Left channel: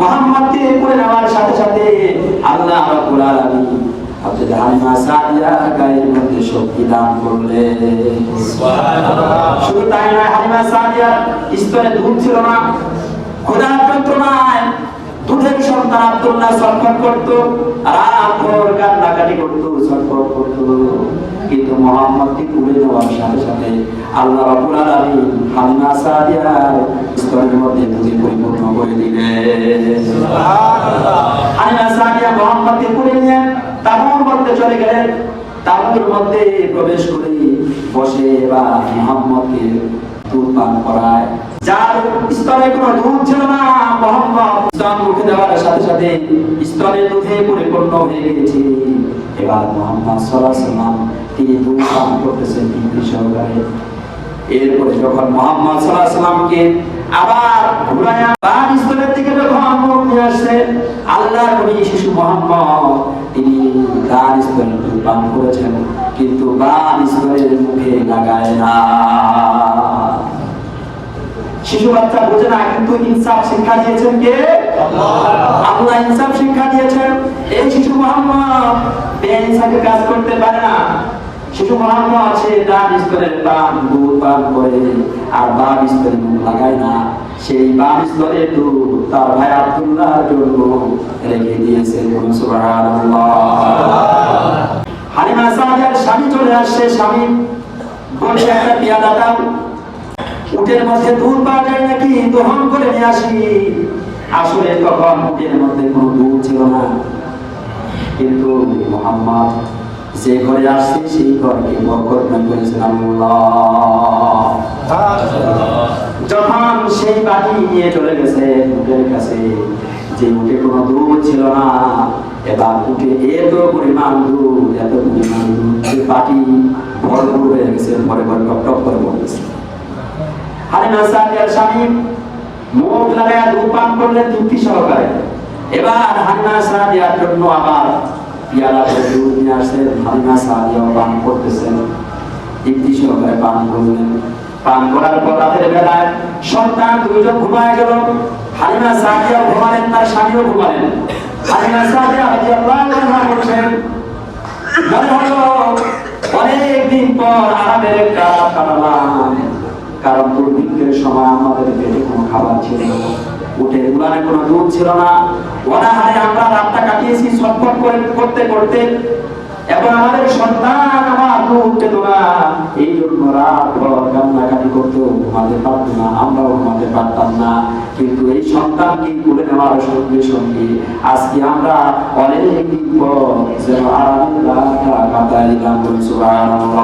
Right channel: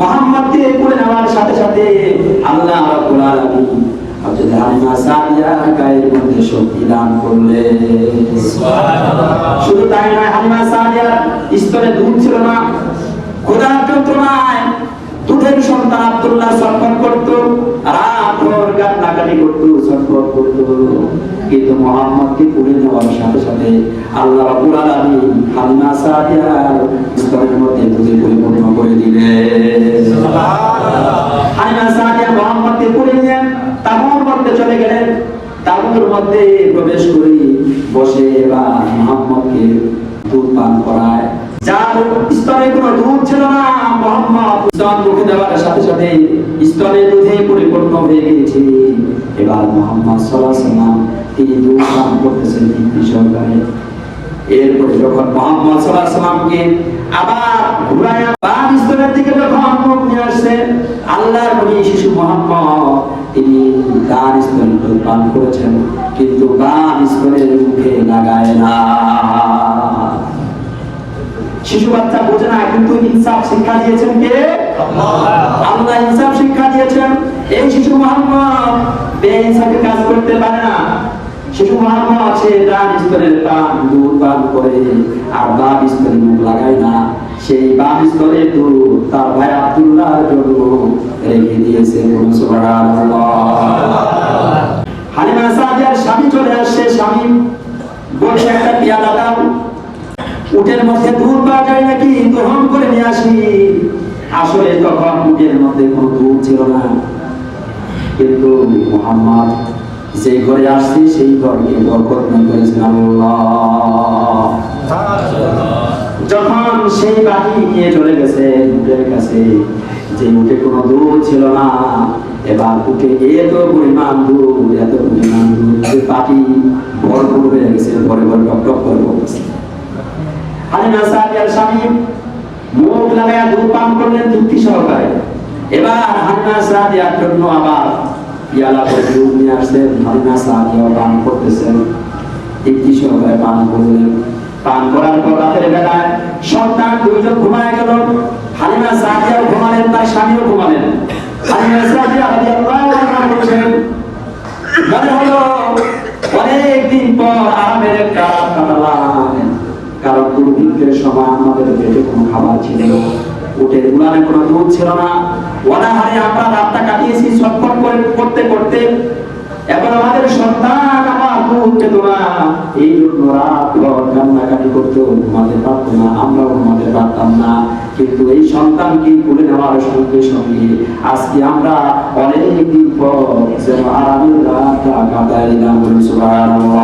মুহাম্মদকে কোলে নেওয়ার সাথে সাথে আল্লাহ রাব্বুল আলামিন হযরত হালিমা সাদিয়ার গায়ের মধ্যে শক্তি দান করলেন। সুবহানাল্লাহ। শুধু তাই নয়, হালিমা সাদিয়ার স্তনে দুধ ছিল না, ক্ষুধার যন্ত্রণায় দুধের সন্তান আব্দুল্লাহ ছটফট করত, রাত ভোর কান্নাকাটি করত, ছটফট করত। কিন্তু মুহাম্মদকে কোলে নেওয়ার সাথে সাথে আল্লাহ রাব্বুল আলামিন হালিমা সাদিয়ার স্তনের মধ্যে দুধে পরিপূর্ণ করে দিলেন। সুবহানাল্লাহ। হালিমা সাদিয়া মুহাম্মদকে কোলে নিয়ে তাঁবুর মধ্যে চলে গেলেন। তাঁবুর মধ্যে প্রবেশ করে বসে বা মুহাম্মদকে দুধ পান করায়। যার স্তনে কোনো দুধ ছিল না, মুহাম্মদ স্তন মুখে দেওয়ার সাথে সাথে স্তনে দুধে পরিপূর্ণ হয়ে গিয়েছে। এবার মুহাম্মদ সাল্লাল্লাহু আলাইহি ওয়াসাল্লাম তিনি দুধ পান করতেছেন তৃপ্তি সহকারে। এরপরে যখন মুহাম্মদ সাল্লাল্লাহু আলাইহি ওয়াসাল্লামকে আবার ঘুরায়া বাম স্তনের দিকে যখন মুখ নিয়ে আসছে, আল্লাহর নবী শিশু মুহাম্মদ তিনি ডান স্তনে দুধ পান করেছেন, কিন্তু বাম স্তনের মুখে লাগায় না। শিশু বাচ্চা বুঝে না, কিন্তু ইনসাফ শিক্ষা দিয়েছেন কে? আল্লাহ ইনসাফ শিক্ষা দিয়েছেন। এই শিশু মুহাম্মদ বেইনসাফি কাজ করতে পারে না। শিশু মুহাম্মদ সে ডান স্তনের দুধ পান করে আর বাম স্তনে মুখ লাগায় না। সেই বাম স্তনের দুধ তার ভাই আব্দুল্লাহর জন্য রেখে দিয়েছেন। সুবহানাল্লাহ। হালিমা সাদিয়ার স্বামী চলে আসছে। স্বামী বলছে, একটা পেয়ালা দাও, উটের মধ্যে দুধ পাওয়া যায় নাকি, গ্রহণ করে নিয়ে আসি। আসলে তখন উটের মধ্যে কোনো দুধ ছিল না, কিন্তু মুহাম্মদ যে ঘরে আসছে সেই ঘরকে বরকতময় করেছেন আল্লাহ। যখন সেই বাটি নিয়ে চলে গেছে উটের কাছে, যে উটে কোনো দুধ ছিল না, এবার উঠে এত পরিমাণ দুধ, এত পরিমাণ দুধ, যে বাটি ভরপুর হয়ে গেছে, ভরে ভরে টক টক করে গেছে। হালিমা সাদিয়ার স্বামী মুখ লাগায়া দুধ পান করলেন তৃপ্তি সহকারে। এবার হালিমা সাদিয়ার জন্য আবার পিয়ালা করে দুধ নিয়ে আসছেন। হালিমা সাদিয়া পান করতেছেন, তৃপ্তি সহকারে পান করলেন। পান করার পর রাতের বেলায় সন্তান দুইজন ঘুমায় গেল। হালিমা সাদিয়াও ঘুমালেন, তার স্বামীও ঘুমালেন। হালিমা সাদিয়া রাদিয়াল্লাহু আনহা বলছেন, মনে হলো অনেকদিন পর আরামের একটা রাত কাটালাম, কারণ দুর্ভিক্ষের সময় আমাদের পেটে কোনো খাবার ছিল না, উটের উলানে কোনো দুধ ছিল না। অনাহারে আমরা রাতটা কাটিয়েছি ছটফট করতে করতে। এবার আমাদের সন্তান আমার দুধ পেত না, এই জন্য রাত ভর কান্নাকাটি করতো, ঘুমাতে পারতো না, আমরাও ঘুমাতে পারতাম না। কিন্তু এই সন্তানকে কোলে নেওয়ার সঙ্গে সঙ্গে আজকে আমরা অনেকদিন পর যেন আরামের রাতটা কাটাইলাম। সুবহানাল্লাহ।